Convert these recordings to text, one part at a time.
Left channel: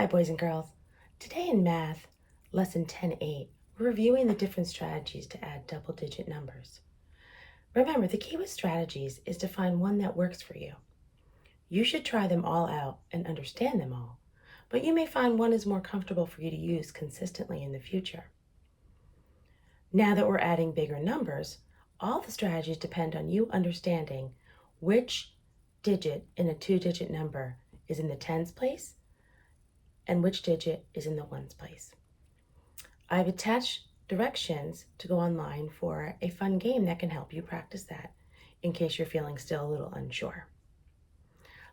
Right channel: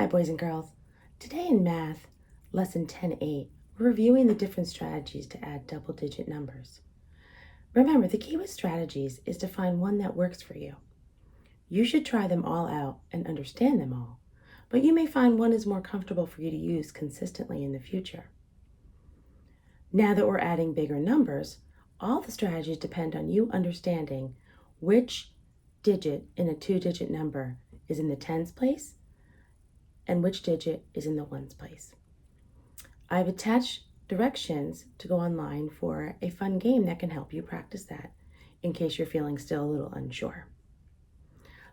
Hi, boys and girls. Today in math, lesson 10.8, we're reviewing the different strategies to add double-digit numbers. Remember, the key with strategies is to find one that works for you. You should try them all out and understand them all, but you may find one is more comfortable for you to use consistently in the future. Now that we're adding bigger numbers, all the strategies depend on you understanding which digit in a two-digit number is in the tens place and which digit is in the ones place. I've attached directions to go online for a fun game that can help you practice that in case you're feeling still a little unsure.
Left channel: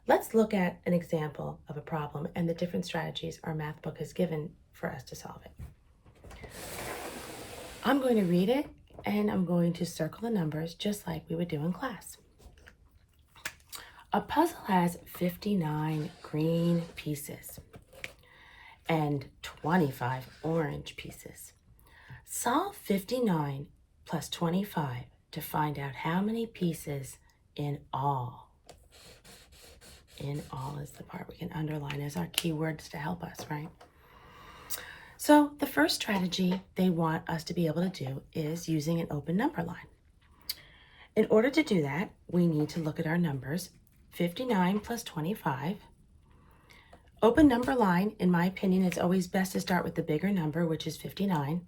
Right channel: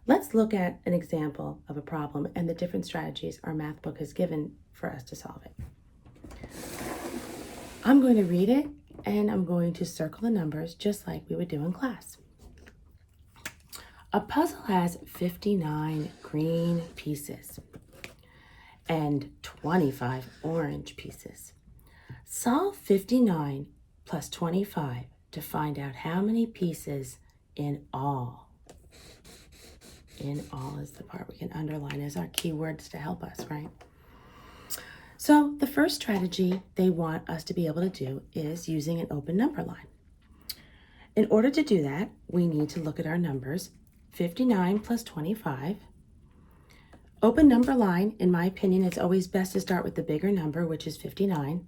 Let's look at an example of a problem and the different strategies our math book has given for us to solve it. I'm going to read it and I'm going to circle the numbers just like we would do in class. A puzzle has 59 green pieces and 25 orange pieces. Solve 59 plus 25 to find out how many pieces in all. In all is the part we can underline as our keywords to help us, right? So the first strategy they want us to be able to do is using an open number line. In order to do that, we need to look at our numbers. 59 plus 25. Open number line, in my opinion, it's always best to start with the bigger number, which is 59.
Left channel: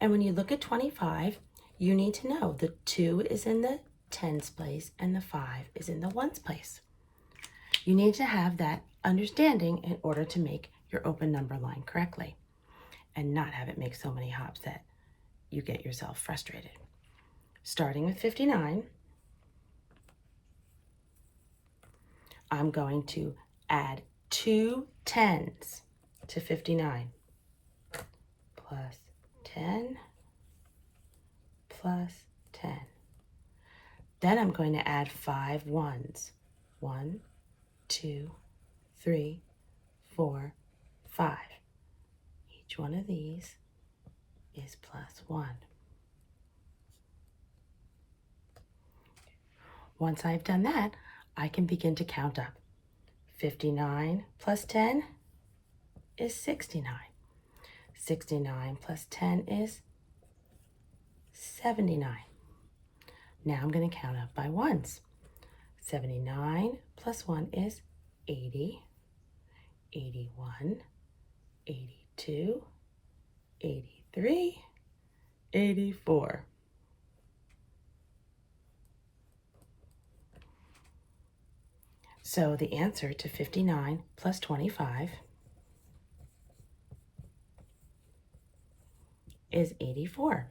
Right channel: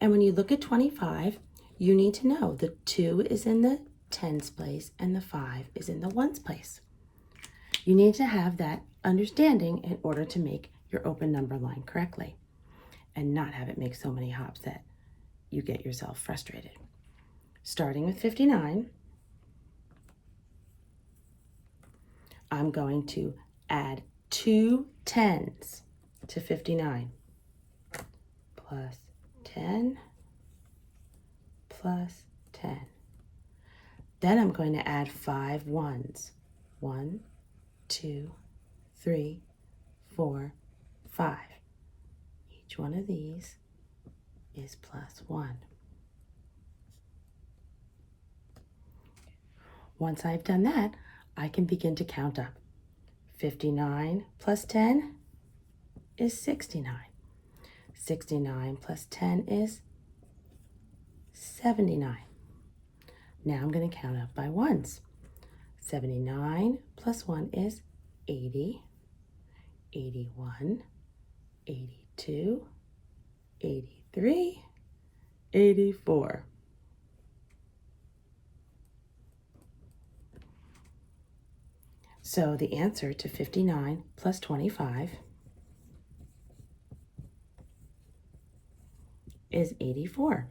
And when you look at 25, you need to know the 2 is in the tens place and the 5 is in the ones place. You need to have that understanding in order to make your open number line correctly and not have it make so many hops that you get yourself frustrated. Starting with 59, I'm going to add 2 tens to 59, plus 10, plus 10. Then I'm going to add 5 ones. 1, 2, 3, 4, 5. Each one of these is plus 1. Once I've done that, I can begin to count up. 59 plus 10 is 69. 69 plus 10 is 79. Now I'm going to count up by ones. 79 plus 1 is 80, 81, 82, 83, 84. So the answer to 59 plus 25 is 84.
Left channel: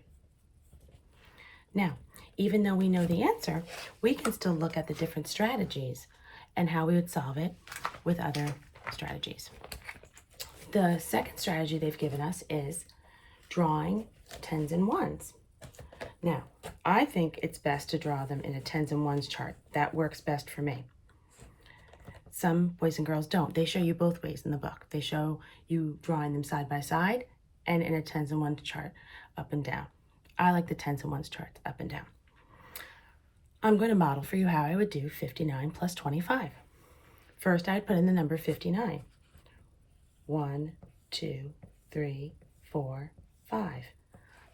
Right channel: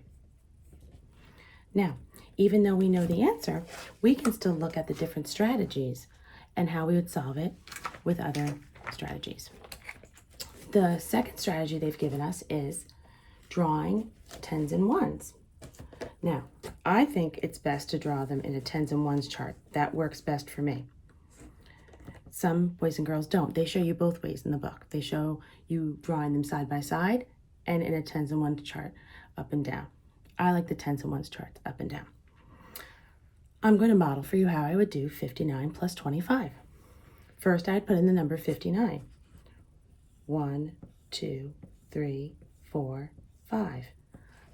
Now, even though we know the answer, we can still look at the different strategies and how we would solve it with other strategies. The second strategy they've given us is drawing tens and ones. Now, I think it's best to draw them in a tens and ones chart. That works best for me. Some boys and girls don't. They show you both ways in the book. They show you drawing them side by side and in a tens and ones chart up and down. I like the tens and ones charts up and down. I'm going to model for you how I would do 59 plus 25. First, I'd put in the number 59. 1, 2, 3, 4, 5.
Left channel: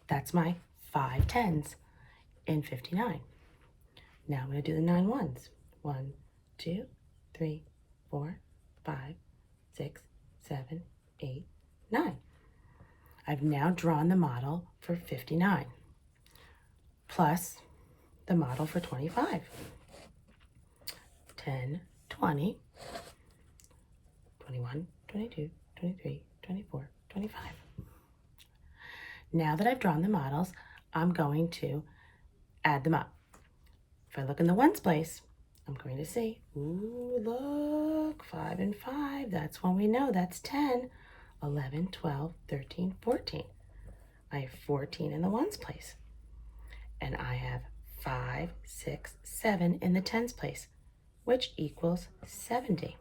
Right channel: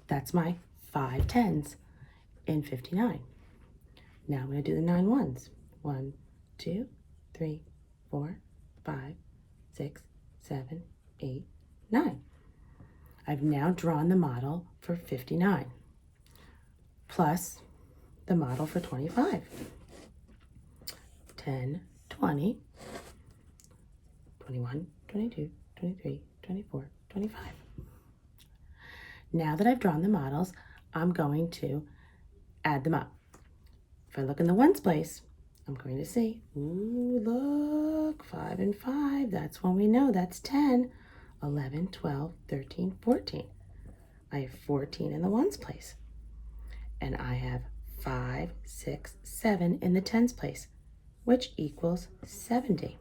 That's my 5 tens in 59. Now I'm going to do the 9 ones. 1, 2, 3, 4, 5, 6, 7, 8, 9. I've now drawn the model for 59 plus the model for 25. 10, 20, 21, 22, 23, 24, 25. Now that I've drawn the models, I'm going to add them up. If I look in the ones place, I'm going to see, ooh, look, 5 and 5. That's when we know that's 10, 11, 12, 13, 14. I have 14 in the ones place. And I have 5, 6, 7 in the tens place, which equals 70.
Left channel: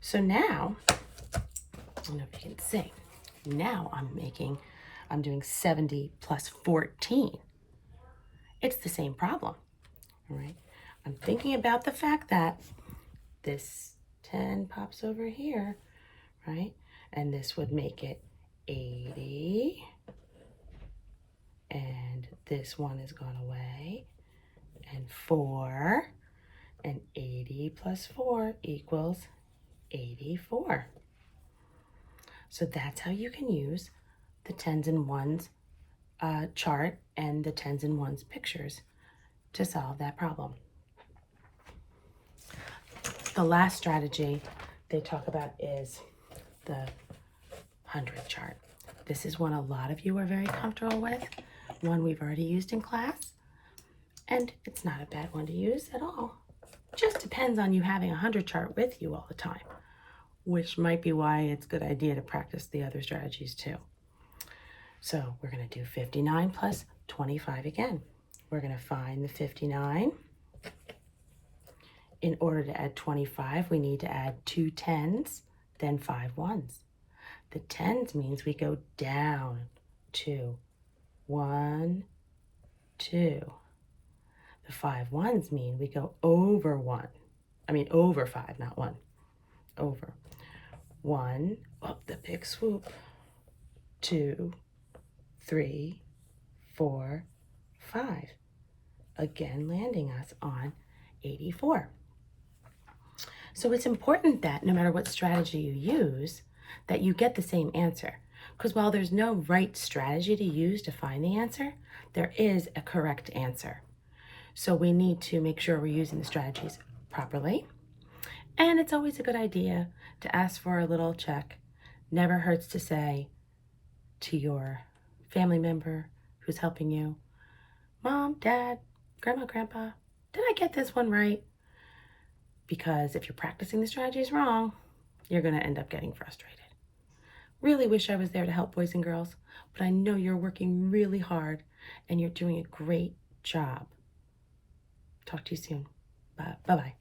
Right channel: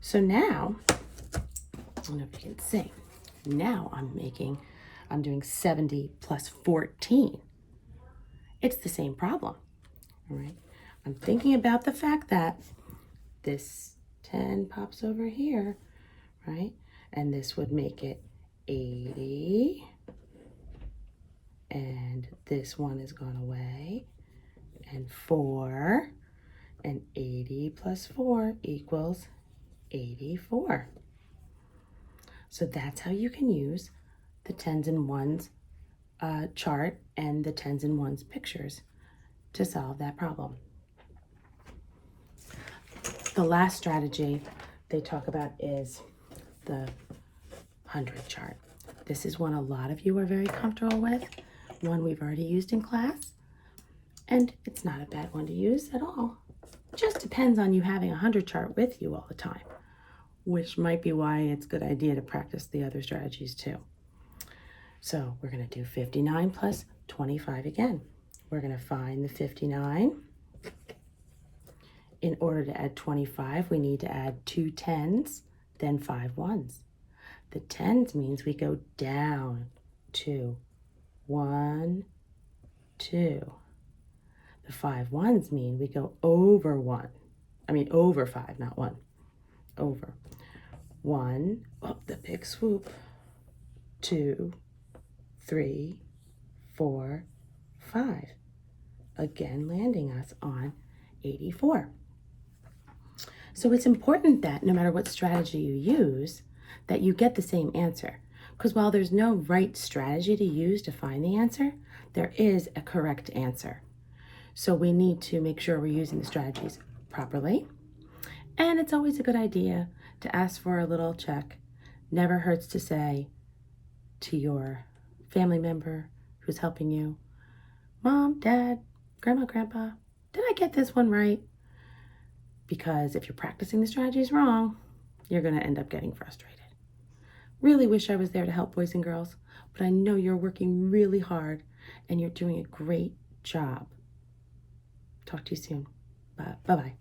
So now, I don't know if you can see, now I'm doing 70 plus 14. It's the same problem, all right? I'm thinking about the fact that this 10 pops over here, right? And this would make it 80. And this one has gone away. And 4. And 80 plus 4 equals 84. So that's how you can use the tens and ones chart and the tens and ones pictures to solve that problem. The last strategy they talk about is the 100 chart. This is one a lot of you are very comfortable with, one we've already used in class, and it's not a bad one to use at all. It just depends on you having a 100 chart with you all the time, which might be why it's a good idea to practice the other strategies too. So we're going to do 59 plus 25 again. We're going to find the 59. In order to add 25, we need to add 2 10s, then 5 1s. The 10s means we go down 2, 1, 2. The 5 1s mean we go over 1. Over 5, not 1. Over. 1, up the big swoop. 2, 3, 4, 5. Again, landing us on 84. So it's important that no matter what strategy you use, that you get the same answer. Because while there's no right strategy to use to find the answer, there is a correct answer. So we need to make sure we're using the strategies properly. And it's always a good idea to ask for a little check. Never hurts to say to your family member who's helping you, Mom, Dad, Grandma, Grandpa, did I get this one right? Because if you're practicing the strategies wrong, you're going to end up getting frustrated. Really wish I was there to help boys and girls, but I know you're working really hard and you're doing a great job. Talk to you soon. Bye-bye.